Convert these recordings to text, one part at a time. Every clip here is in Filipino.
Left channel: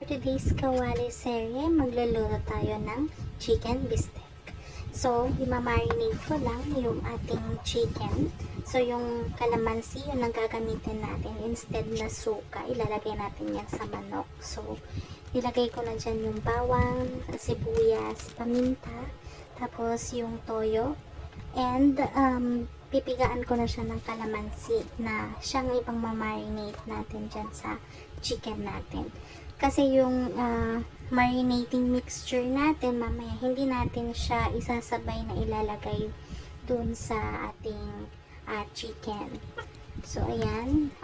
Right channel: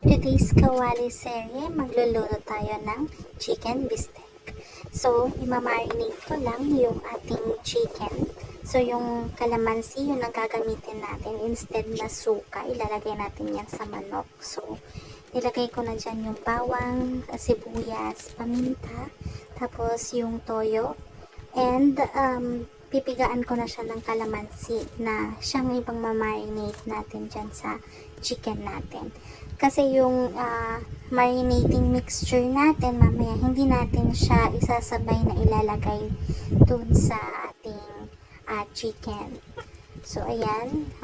For today's Kawali serye, magluluto tayo ng chicken bistek. So, imamarinate ko lang yung ating chicken. So, yung kalamansi, yung gagamitin natin instead na suka, ilalagay natin yan sa manok. So, nilagay ko na dyan yung bawang, sibuyas, paminta, tapos yung toyo, and pipigaan ko na siya ng kalamansi na siyang ibang mamarinate natin dyan sa chicken natin. Kasi yung marinating mixture natin, mamaya hindi natin siya isasabay na ilalagay dun sa ating chicken. So, ayan.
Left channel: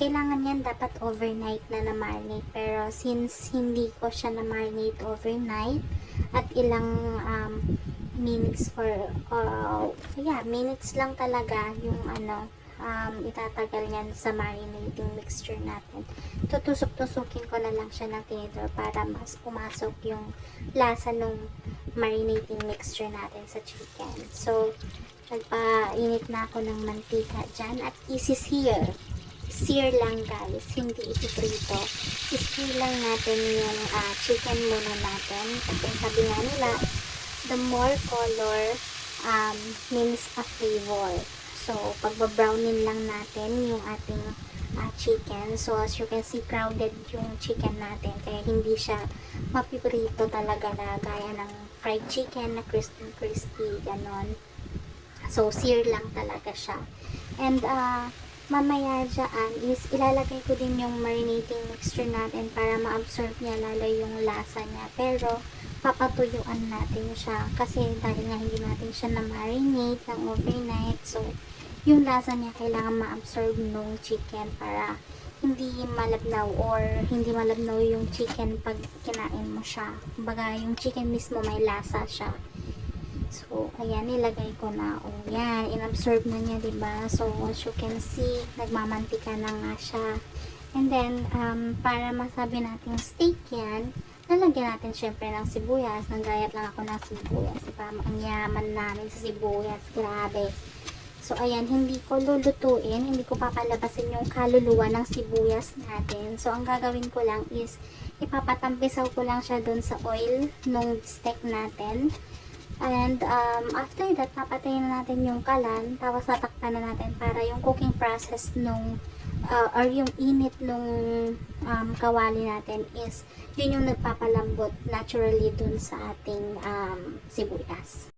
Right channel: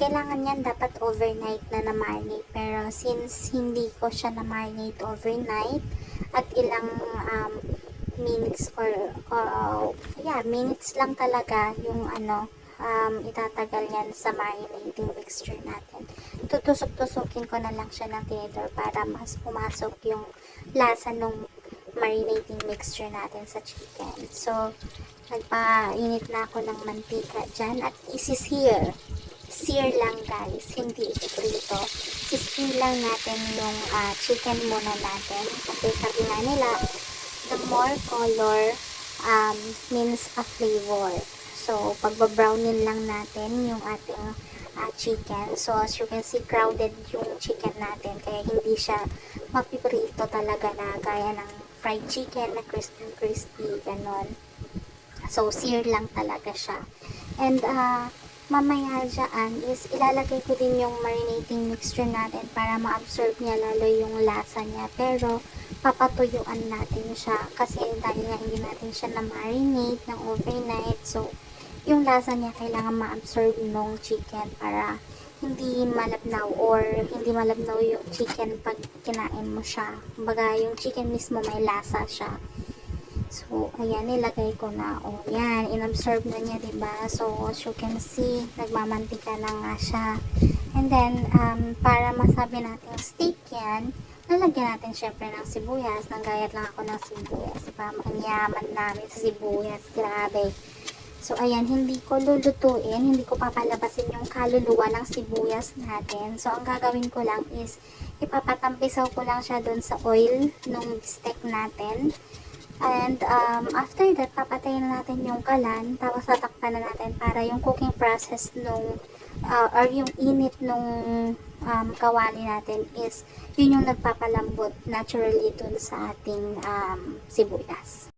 Kailangan yan dapat overnight na na-marinate. Pero since hindi ko siya na-marinate overnight at ilang minutes minutes lang talaga yung itatagal yan sa marinating mixture natin. Tutusok-tusukin ko na lang siya ng tinidor para mas pumasok yung lasa ng marinating mixture natin sa chicken. So, nagpainit na ako ng mantika dyan at isi-sear. Sear lang guys, hindi ipiprito. Isi-sear lang natin yung chicken muna natin. Kasi sabi nga nila, the more color means a flavor. So, pagbabrownin lang natin yung ating chicken. So, as you can see, crowded yung chicken natin. Kaya hindi siya mapiprito talaga na gaya ng fried chicken na crispy, ganon. So, sear lang talaga siya. And, mamaya dyan is ilalagay ko din yung marinating mixture natin para ma-absorb niya lalo yung lasa niya. Pero, papatuyuan natin siya kasi dahil nga hindi natin siya na-marinate ng overnight. So, yung lasa niya kailangan ma-absorb ng chicken para hindi malabnaw or hindi malabnaw yung chicken pag kinain mo siya. Kumbaga, yung chicken mismo may lasa siya. So, ayan, nilagay ko na. O, yan, inabsorb na niya, diba? So, as you can see, nagmamantika na nga siya. And then, para masabi natin steak yan, lalagyan natin syempre ng sibuyas. Nanggayat lang ako ng sibuyas. Diba? Ang yaman namin sa sibuyas. Grabe. So, ayan, hindi ko lulutuin. Hindi ko papalabasin yung kaluluwa ng sibuyas natin. So, ang gagawin ko lang is, ipapatampisaw ko lang siya dun sa oil nung steak natin. And after that, papatayin na natin yung kalan, tapos tatakpan na natin para yung cooking process nung or yung init nung kawali natin is yun yung nagpapalambot naturally dun sa ating sibuyas.